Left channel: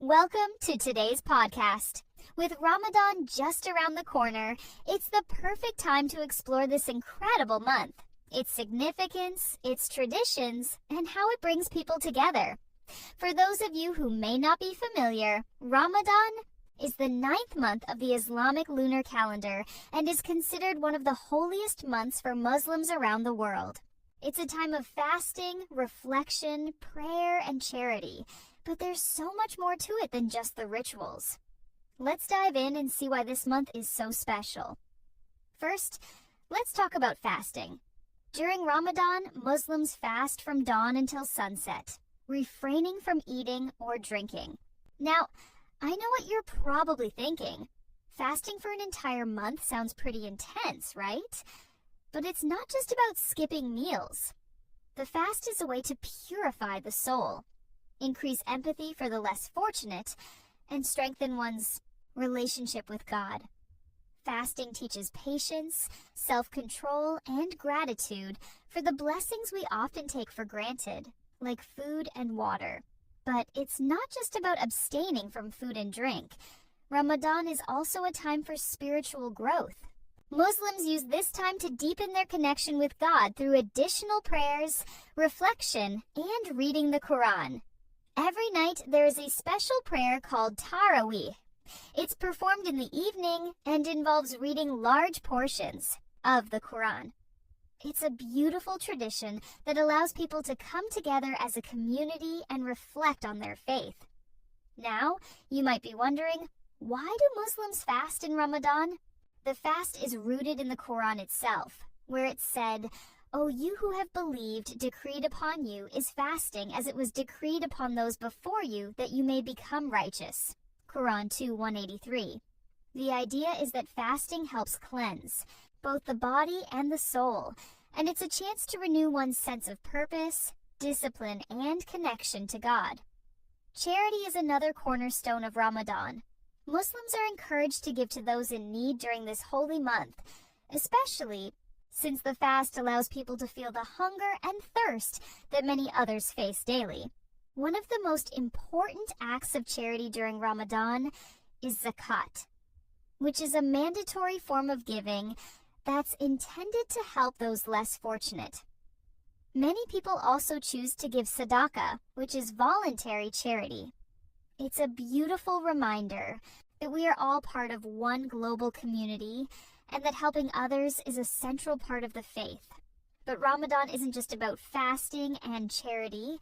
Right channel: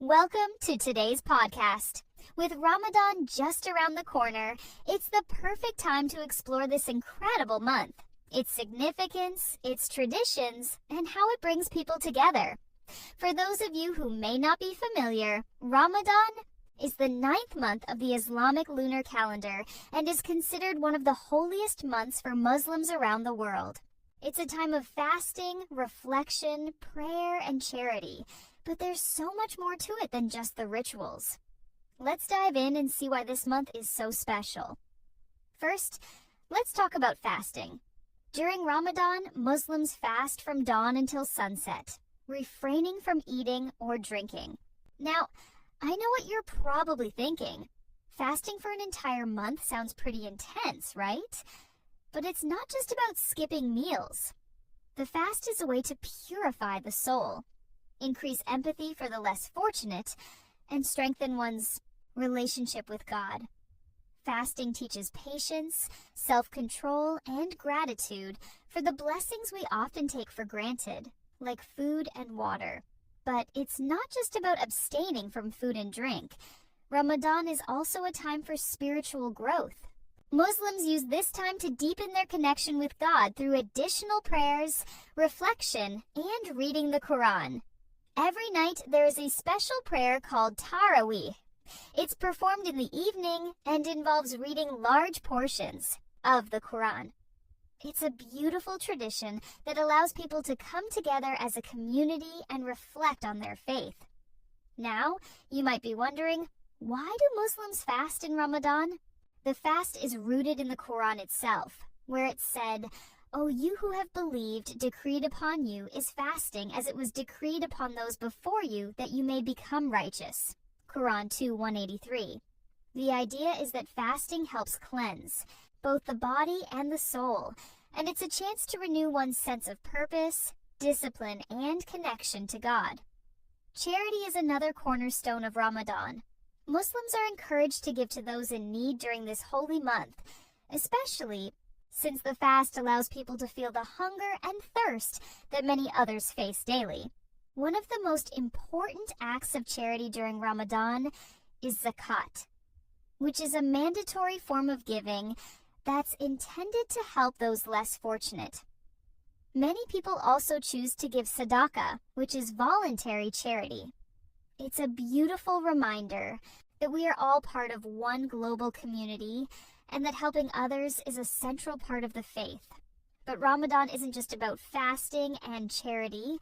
Welcome to today's podcast. With Ramadan just around the corner, it's the perfect time to explore this incredible month, its significance, its traditions, and how it brings people together. For those of you who may not be familiar, Ramadan is the 9th month of the Islamic lunar calendar and is considered one of the holiest months for Muslims around the world. It's a time of fasting, reflection, prayer, and charity. But there's so much more to it than just the rituals. Let's dive in and see why this month is so special. First, let's talk about fasting. During Ramadan, Muslims fast from dawn until sunset, refraining from eating or drinking. Now, I know what you're probably thinking. Fasting for an entire month sounds pretty intense, right? But it's not just about skipping meals. The fast is a way to purify the soul, increase empathy for the less fortunate, and strengthen one's relationship with God. Fasting teaches patience, self-control, and gratitude for the blessings we often take for granted, like food and water. But it's not just about abstaining from food and drink. Ramadan is also a time for spiritual growth. Muslims use this time to deepen their connection with God through additional prayers, reflection, and reading the Quran. Every night, there is a special prayer called Taraweeh. It's performed in the evening and involves reading large portions of the Quran. It's a beautiful tradition that allows people to come together as a community and reflect on their faith. Now, you might be wondering, why do Muslims fast in Ramadan? The fast is rooted in the Quran itself, where it said, "O you who have believed, decreed upon you is fasting as it was decreed upon those before you that you may become righteous." Quran 2:183. The idea is that fasting helps cleanse both the body and the soul, and it's a chance to renew one's sense of purpose, discipline, and connection to God. Charity is another cornerstone of Ramadan. Muslims are encouraged to give to those in need during this holy month, especially since the fast allows people to feel the hunger and thirst that many others face daily. One of the most important acts of charity during Ramadan is zakat, which is a mandatory form of giving that's intended to help those less fortunate. Many people also choose to give sadaqah, which is voluntary charity. It's a beautiful reminder that we are all part of one global community and that helping others is a central part of the faith. But Ramadan isn't just about fasting and charity.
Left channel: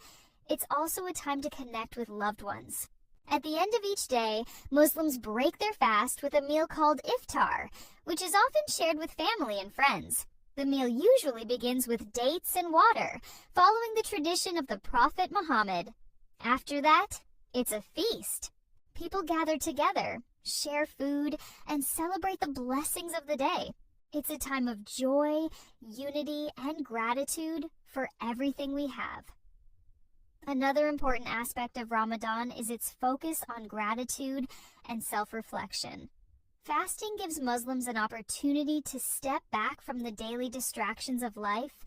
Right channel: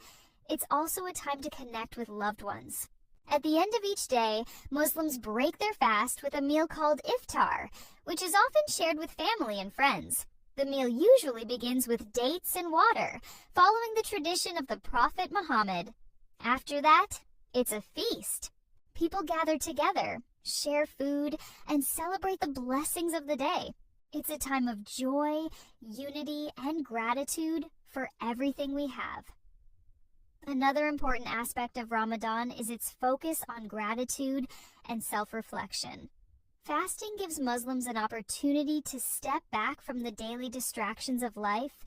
It's also a time to connect with loved ones. At the end of each day, Muslims break their fast with a meal called iftar, which is often shared with family and friends. The meal usually begins with dates and water, following the tradition of the Prophet Muhammad. After that, it's a feast. People gather together, share food, and celebrate the blessings of the day. It's a time of joy, unity, and gratitude for everything we have. Another important aspect of Ramadan is its focus on gratitude and self-reflection. Fasting gives Muslims an opportunity to step back from the daily distractions of life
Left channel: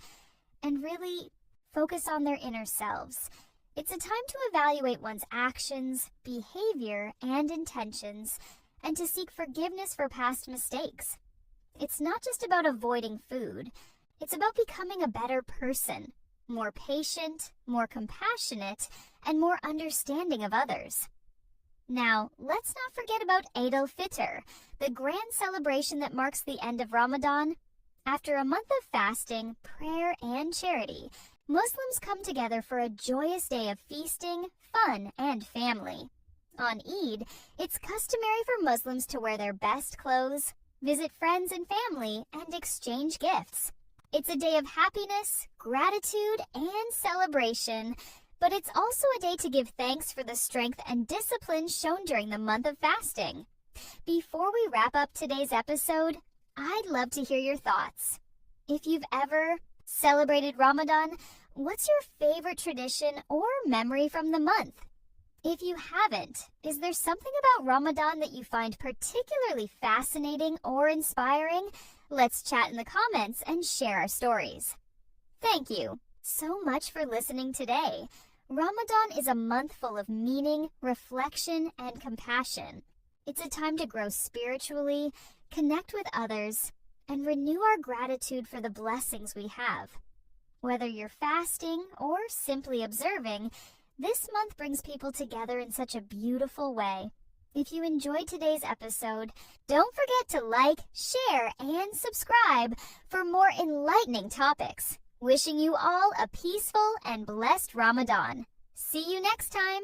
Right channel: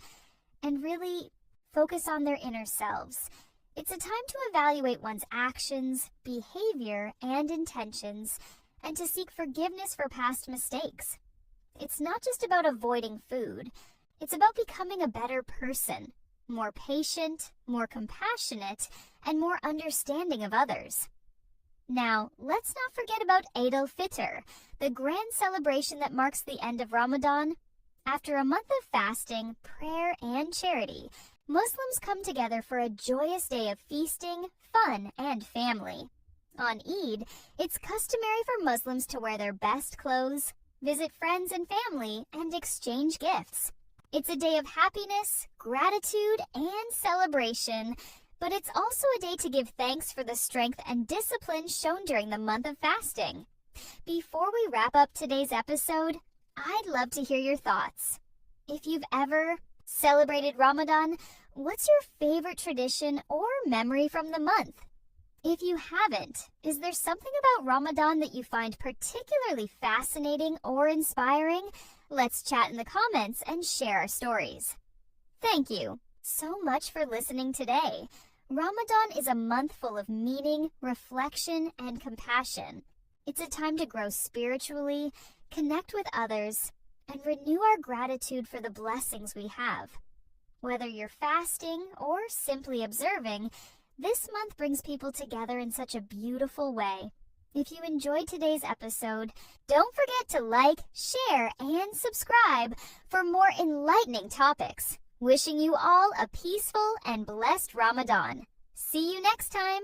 and really focus on their inner selves. It's a time to evaluate one's actions, behavior, and intentions, and to seek forgiveness for past mistakes. It's not just about avoiding food. It's about becoming a better person, more patient, more compassionate, and more understanding of others. Now, let's not forget about Eid al-Fitr, the grand celebration that marks the end of Ramadan. After a month of fasting, prayer, and charity, Muslims come together for a joyous day of feasting, fun, and family. On Eid, it's customary for Muslims to wear their best clothes, visit friends and family, and exchange gifts. It's a day of happiness, gratitude, and celebration, but it's also a day to give thanks for the strength and discipline shown during the month of fasting. Before we wrap up today's episode, I'd love to hear your thoughts. If you've ever celebrated Ramadan, what's your favorite tradition or memory from the month? If you haven't, is there something about Ramadan that you find particularly fascinating or inspiring? Let's chat in the comments and share our stories. Thank you so much for listening today. Ramadan is a month full of meaning, reflection, and compassion. It's a time to grow spiritually, connect with others, and renew our gratitude for the blessings we have. Whether you're fasting or simply observing, this month brings people together in such a beautiful way. If you enjoyed today's episode, don't forget to like, share, and subscribe for more enlightening topics. Wishing you all a peaceful and blessed Ramadan. See you next time.